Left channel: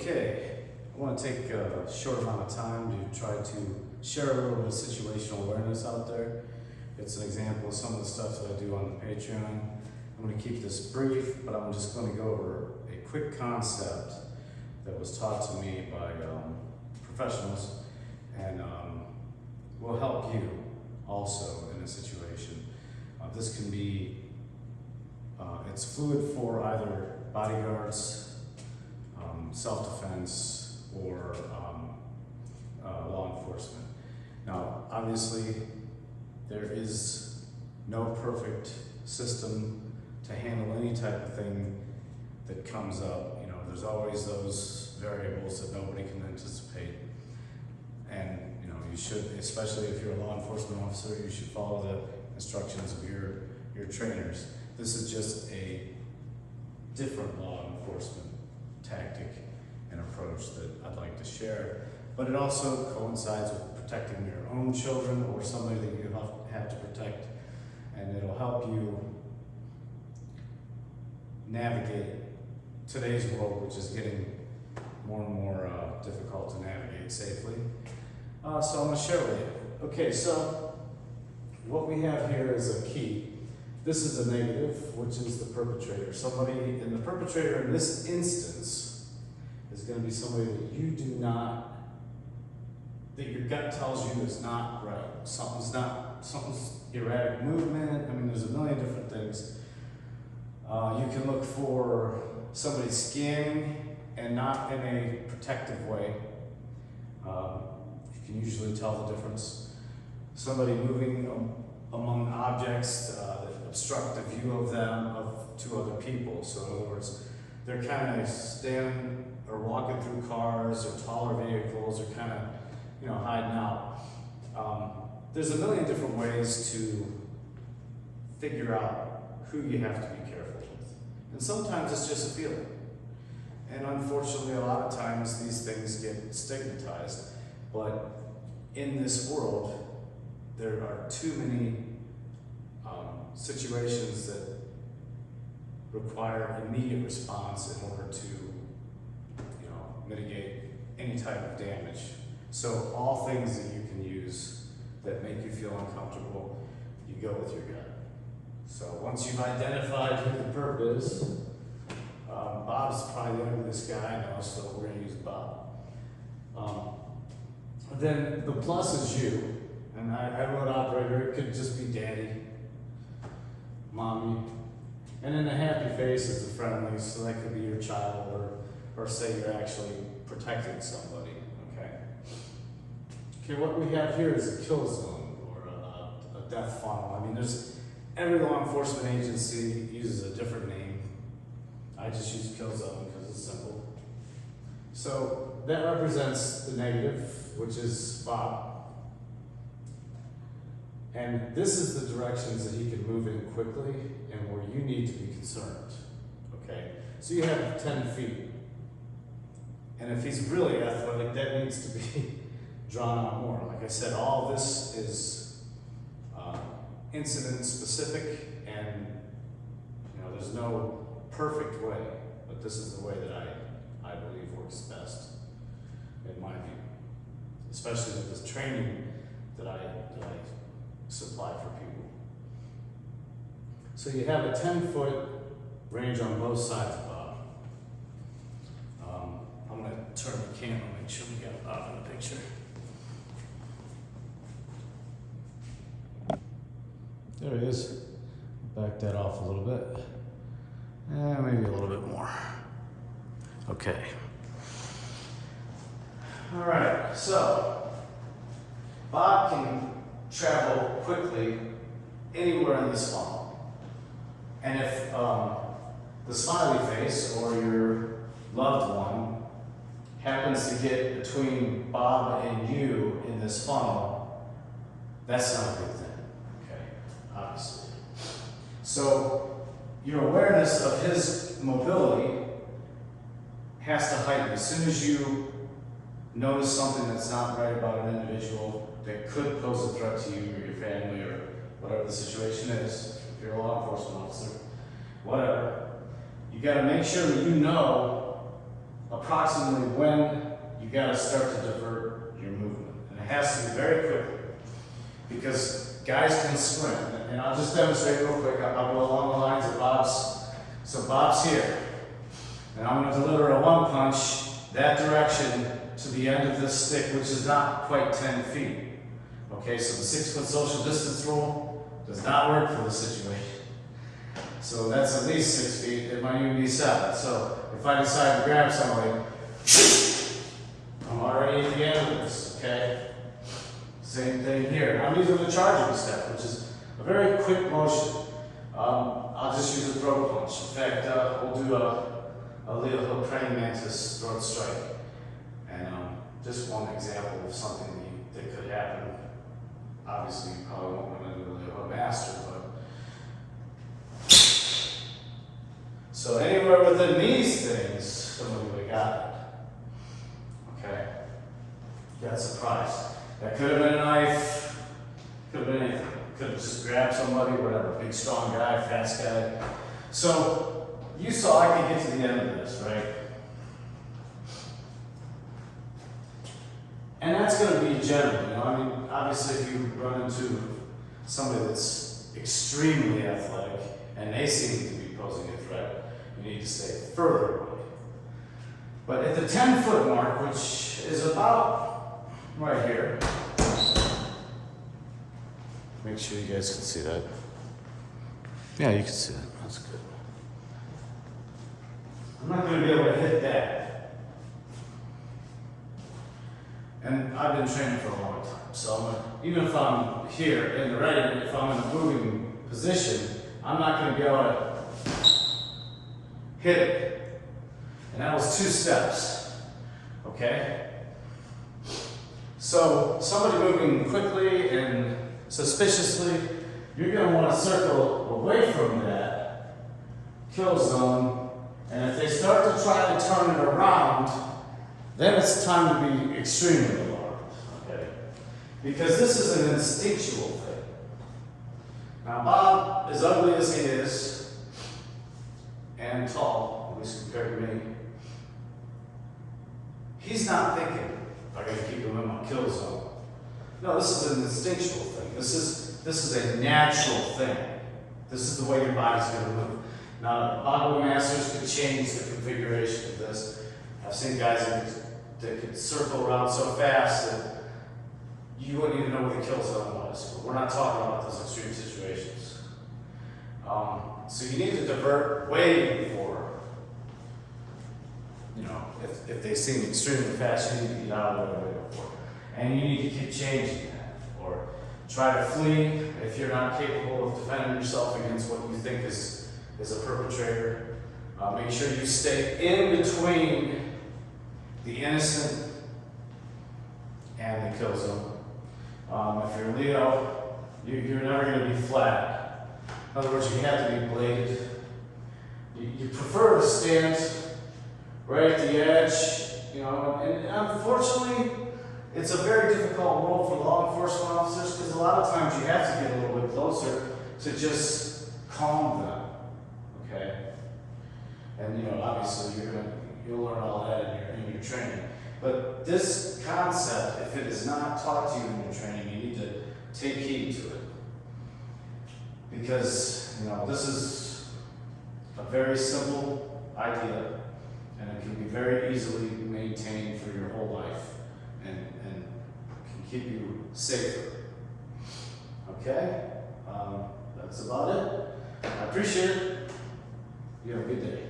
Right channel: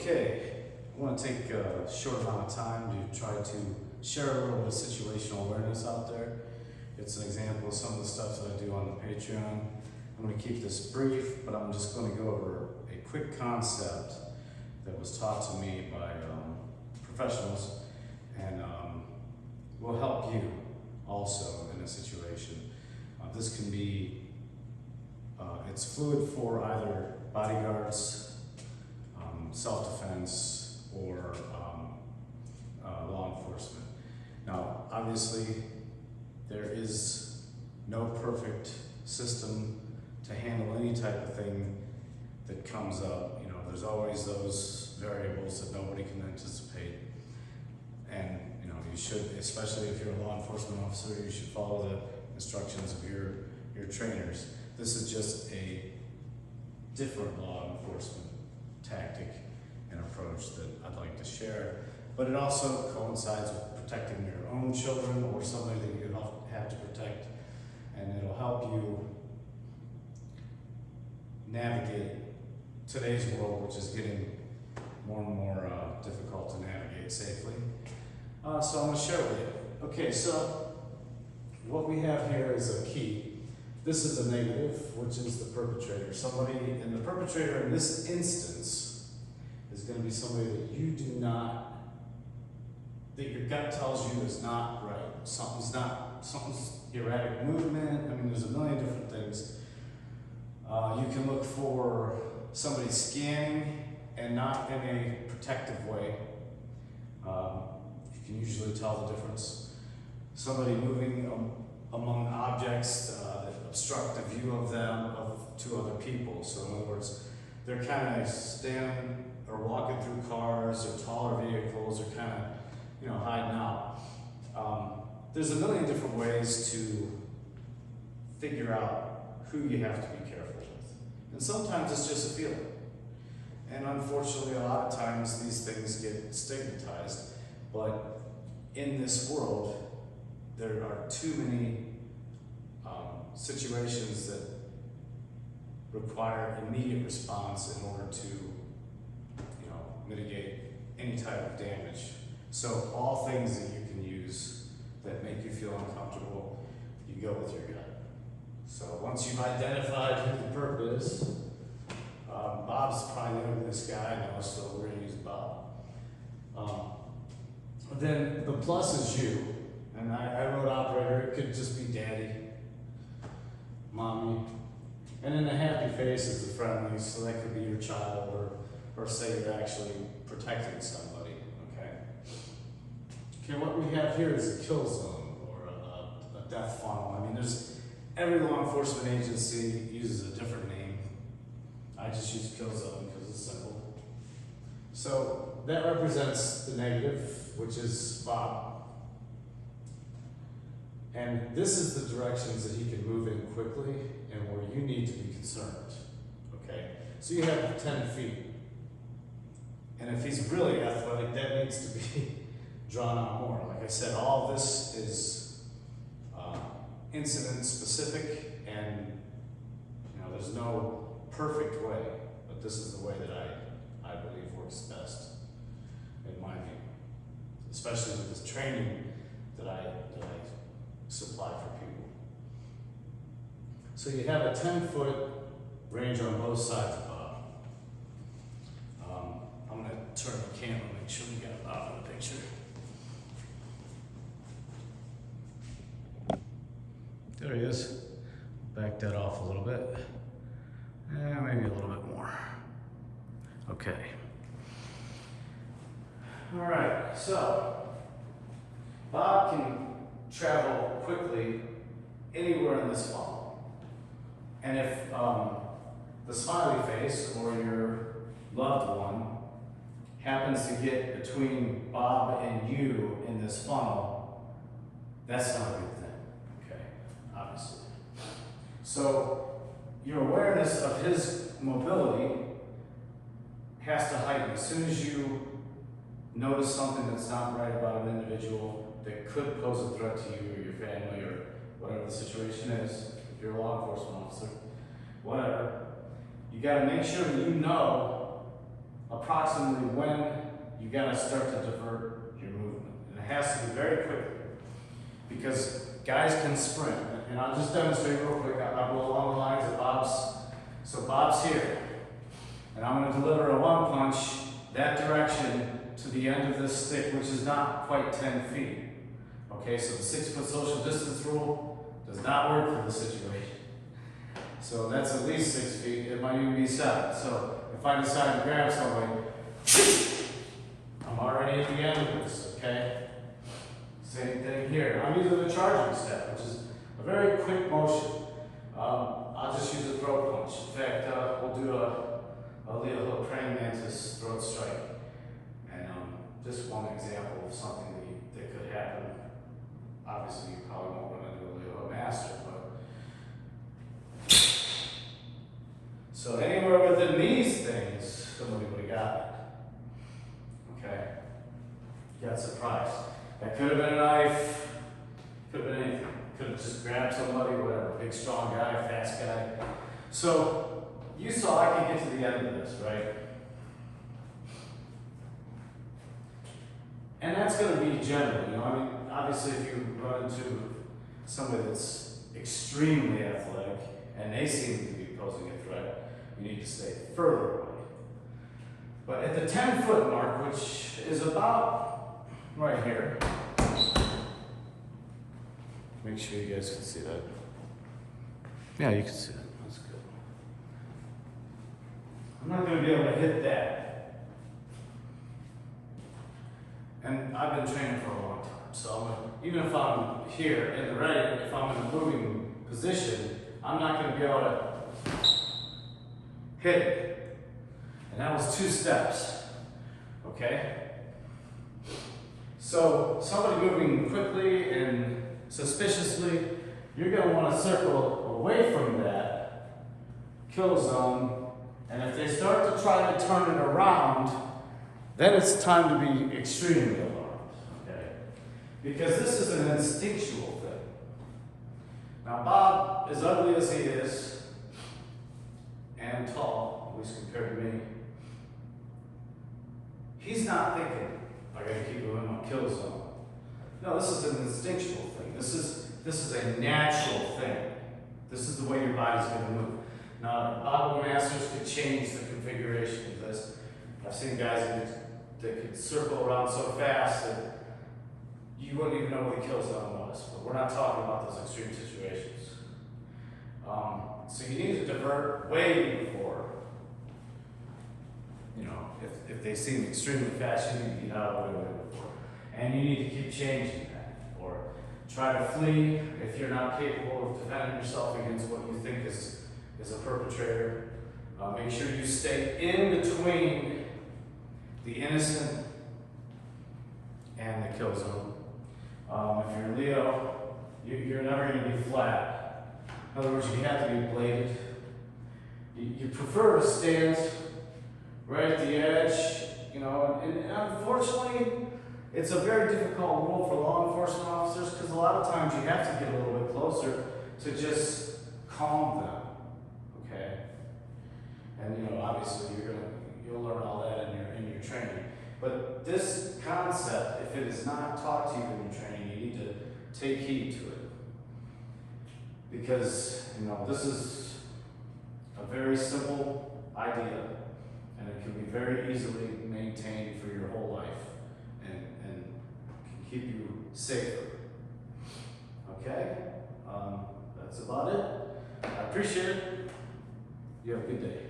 Okay, I want to take a short amount of time to try to share a little bit of situational awareness out there. It's an example of some of the stuff that I do on the Patreon. I'm going to keep this brief, but I'm just going to go over a quick concept that was taught to me by professionals and will help you also in a situation. This can be, it's fluid for either bodyguards, self-defense, or law enforcement. Now, obviously, there is no perfect system to handle any type of thing that comes up. You know, there's always those variables that nobody can anticipate. And, you know, you should, especially if you're a law enforcement officer, you should follow the instructions of your trainers. This is just a different law enforcement tactic and approach that I'd like to share, but it also coincides with protecting your own children or somebody that you have to protect, and it'll help you navigate today's world, which is getting more and more difficult to navigate safely. So I'm going to share with you. Okay, so what we have here is a key. This is a negative, which is the perpetrator. Somebody, and the perpetrator in this instance is going to be somebody that you do not, that your gut tells you is not right. Something's erratic movement. I mean, there's a million different things. You can look for somebody scanning and not in a protective way. You can usually tell the difference. Somebody moving among objects that obstruct the view of them to other people. So in other words, they're kind of standing or walking through cars or taller vehicles or kind of, you know, hiding out. There's a million different ways to figure out who you have to be careful with. And sometimes it's just a feeling. And unfortunately, a lot of times these things get stigmatized. But in this world, there are too many situations that require immediate response in order to, you know, mitigate any type of damage. So all things that you can use that make you feel uncomfortable, you go with your gut. So once you've identified who the perp is, Bob's probably the ugliest guy I know, so we're going to use Bob. Then the plus is you, and I wrote operator. It could just be daddy, mommy, and then the happy face is the friendly, so that could be your child, or say you're actually protecting somebody. Okay, what we have here is a kill zone or a death funnel. I mean, every law enforcement agency uses a different name. I just use kill zone because it's simple. So that represents the negative, which is Bob. And this is the directions that he can move in quickly and where you need to be concerned. Okay, so you have 10 feet. And if he's really athletic, that needs to be drawn out more. Like I said, all this is incident specific, and you know, there's no perfect way, but this is the way that I believe works best in my view, especially with this training that I supply for people. So you have a 10-foot range on both sides of Bob. I'm going to turn the camera, make sure we got Bob in the picture. There he is. Back that off a little bit. Maybe a little bit more. Okay. All right, so Bob can travel quickly anywhere in this funnel. And if the smiley face or your loved one happens to get between Bob and you in this funnel, that's not a good thing, okay, obviously. So your awareness of his mobility has to heighten. As soon as you notice something that's not right about an individual that could pose a threat to you or your family or whatever the situation is, if you're a law enforcement officer, whatever, you got to make sure that you know approximately when you gotta start to divert your movement. And it has to be very quickly, because guys can sprint. And I'll just demonstrate real quick. I'll go along the lines of Bob's. So Bob's here, and I'm gonna deliver a one punch that direction to the end of this stick, which is not quite 10 feet. Okay, so the 6-foot social distance rule does not work for the situation. So that's at least 6 feet, it might even be 7. So if I decide to grab somebody, I'm already at the end of this, okay? Same thing here. I'm using the charging step, which is a very quick motion. I'll just use a throat punch. In fact, we'll do a little praying mantis throat strike. And just one example of something that could happen. Obviously, you probably won't run into a master, but. So anywhere within these things, somebody got it. Okay? Got surprised. That could have been a knife, could have been anything. Could have just grabbed somebody, whatever, big strong guy, fast guy. So you saw I could get to the end of this, right? And that's going to be general, you know. I mean, obviously, if you run into somebody that's extremely athletic and they seem to be posing a threat, you need to stay further away. But at the 10-foot mark, which is about right here, make sure you guys can see that. Yeah, you can see that. That's good. I'm not going to be able to hit that. And I've been training for a long time, so even if I'm here and ready, if I'm in a moving position, I'm not going to be able to hit it. And that was 2 steps. Okay? So somebody moving quickly and suspiciously, you're going to want to circle away from that kill zone, and if they start to try to turn it around, then it's time to be extremely alarmed, okay? Because this is an instinctual thing. Now Bob, as ugly as he is, and tall, at least compared to me, he's not thinking, I gotta keep him in my kill zone. No, this is an instinctual thing. This is a natural thing. This is the way your body's going to move. Now, Bible masters could change the configuration of this. I've seen guys that could circle around so fast that you wouldn't even know where the kill zone was. But we're not talking about those extreme situations. So you need to divert way before. You know, if they seem extremely fast, you need to get out of it way before. And you need to keep changing that. Or try to flee if you're not capable of defending yourself against what you think is a perpetrator. Make sure you stay in between the innocent and the kill zone. If you're Leo, you're never going to be flat. In other words, you have to be bladed. You prefer to stand right at the edge, you know, and unfortunately, it's a very difficult role for law enforcement officers because a lot of times you have to get a little bit closer to just calm them, okay? And you know, obviously you'll learn all that in your training. But this concept, if it is not taught to you in your training, you need to take heed to it. Because, you know, this is a very simple idea and it can be very easily maintained for your whole life. And can keep you safer. Okay? That's about it. I appreciate it. You have a good day.